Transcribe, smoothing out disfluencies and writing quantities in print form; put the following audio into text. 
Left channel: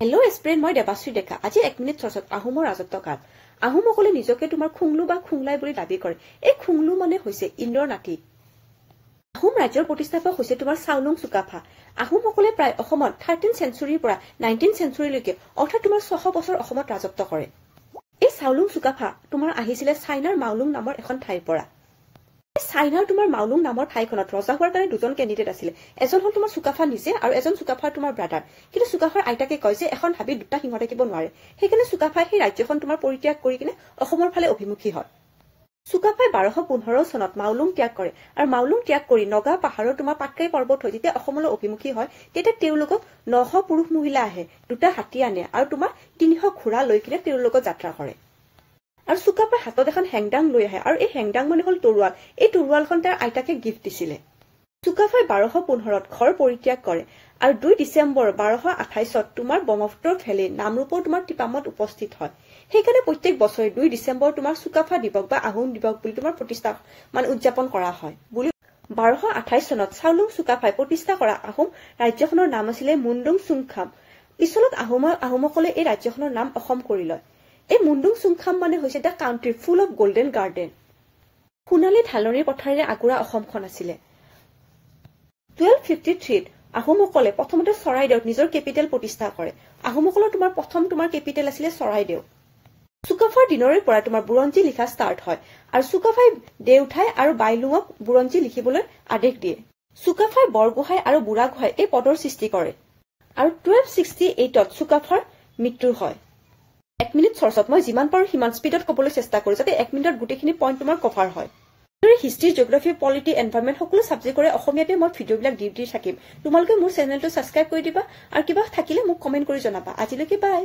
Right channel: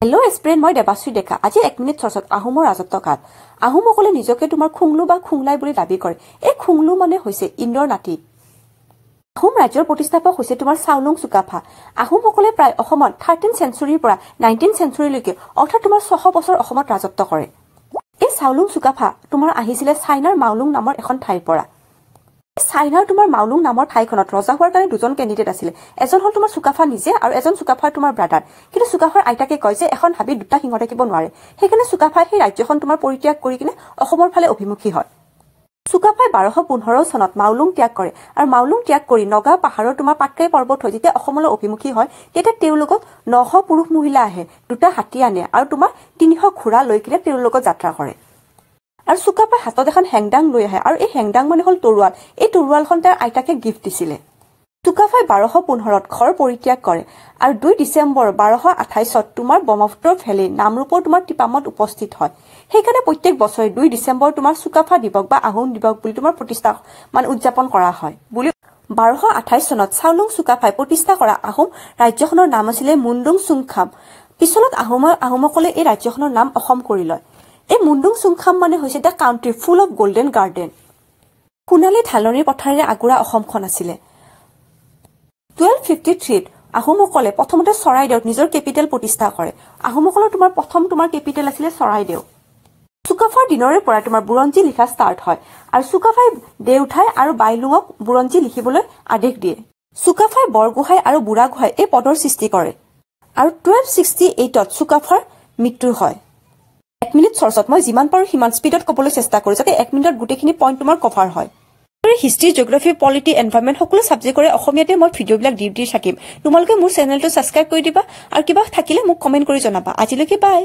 hello' স্প্ৰেন মই দেৱাশ্ৰী ডেকা আজি 1 minute চৰ্চত আহোমৰ ৰাজত্বকাল আহোমসকলে নিজকে তোমাৰ খুংলু বা খুংলাই বুলি দাবী কৰে এই খুংলু মানে হৈছে ইন্দ্ৰৰ নাতি আহোম ৰাজ্যৰ প্ৰতিষ্ঠাপক হৈছে তোমাৰ চাওলুং চুকাফা আহোমসকলে প্ৰায় অসমত 13th চেঞ্চুৰীৰ পৰা 19th চেঞ্চুৰীলৈকে অৰ্থাৎ তোমাৰ 600 বছৰ অসমত ৰাজত্ব কৰে এই চাওলুং চুকাফা তোমাৰ আহিছিলে চাইনাৰ মাওলুং নামৰ এখন ঠাইৰ পৰা চাইনাৰ তোমাৰ মাওলুং নামৰ ঠাইখনত ৰজা হোৱাৰ কাৰণে দুজন কেণ্ডিডেট আছিল এজন হল তোমাৰ চুকাফা নিজে আৰু এজন চুকাফাৰ তোমাৰ ব্ৰাদাৰ কিন্তু চুকাফাৰ আইতাকে কয় যে এখন হাবিত দুটা সিংহ থাকিব নোৱাৰে সেইকাৰণে চুকাফাই সেই ৰাজ্যখন তোমাৰ পৰিত্যাগ কৰি কিনে অসমৰ ফালে অভিমুখী হয় চুকাফাই 1215 চনত মাওলুং ত্যাগ কৰে আৰু মাওলুং ত্যাগ কৰি নগা পাহাৰৰ তোমাৰ পাটকাই পৰ্বত হৈ যেতিয়া অসমলৈ অভিমুখী হয় তেতিয়া তেওঁলোকক 900 পুৰুষ মহিলা আহে দুটা হাতী আনে আৰু তোমাৰ 300 ঘোঁৰা লৈ কিনে তেওঁলোকক যাত্ৰা কৰে আৰু চুকাফাই হাতত এখন হেংদাং লৈ আহে আৰু এই হেংদাং মানে হল তৰুৱাল এই তৰুৱালখন তাৰ আইতাকে গিফ্ট দিছিলে চুকাফাই 1215ত ঘৰ পৰিত্যাগ কৰে আৰু 2 ডিচেম্বৰ 1228ত তোমাৰ ব্ৰহ্মপুত্ৰৰ ভেলী নামৰূপৰ তোমাৰ টিপামত উপস্থিত হয় সেইকাৰণে প্ৰত্যেক বছৰে 2 ডিচেম্বৰ তোমাৰ চুকাফা দিৱস বা আহোম দিৱস বুলি তোমাৰ প্ৰতিষ্ঠা মানে উদযাপন কৰা হয় বুলি 1228 চনত চাওলুং চুকাফাই প্ৰতিষ্ঠা কৰা আহোম ৰাজ্যখনৰ নাম আছিল মুণ্ডুং চুংখাম পিছলত আহোমসকলে এই ৰাজ্যখনৰ নাম অসম কৰি লয় এই মুণ্ডুং চুংখাম মানে হৈছে the country full of golden garden সোণালী ঢালনিৰ পথাৰেৰে আগুৰা অসমখন আছিল 1253ত আহোমসকলে প্ৰথমতে চৰাইদেউত নিজৰ কেপিটেল প্ৰতিষ্ঠা কৰে আহোমসকলৰ তোমাৰ প্ৰথম তোমাৰ কেপিটেল আছিল চৰাইদেউ চুকাফাৰ দিনৰে পৰা তোমাৰ বুৰঞ্জী লিখা ষ্টাৰ্ট হয় আৰু চুকাফাই দেউঠাই আৰু বাইলুঙক বুৰঞ্জী লিখিবলৈ আদেশ দিয়ে চুকাফাই বৰগোহাঁই আৰু বুঢ়াগোহাঁই এই পদৰ সৃষ্টি কৰে আৰু 1268ত চুকাফাৰ মৃত্যু হয় 1 মিনিট চৰ্চত মই যিমান পাৰো সিমান স্পীডত ক'বলৈ চেষ্টা কৰো যাতে 1 মিনিটত গোটেইখিনি পইণ্ট তোমাৰ কভাৰ হয় হিষ্ট্ৰী জিঅগ্ৰাফি পলিটি এনভাইৰনমেন্ট সকলো সাবজেক্টৰে অসমীয়াতে মই ভিডিঅ'বিলাক দি থাকিম তোমালোকে মোৰ চেনেলটো সাবস্ক্ৰাইব কৰি দিবা আৰু কিবা থাকিলে মোক কমেন্ট কৰি জনাবা আজিলৈকে বাই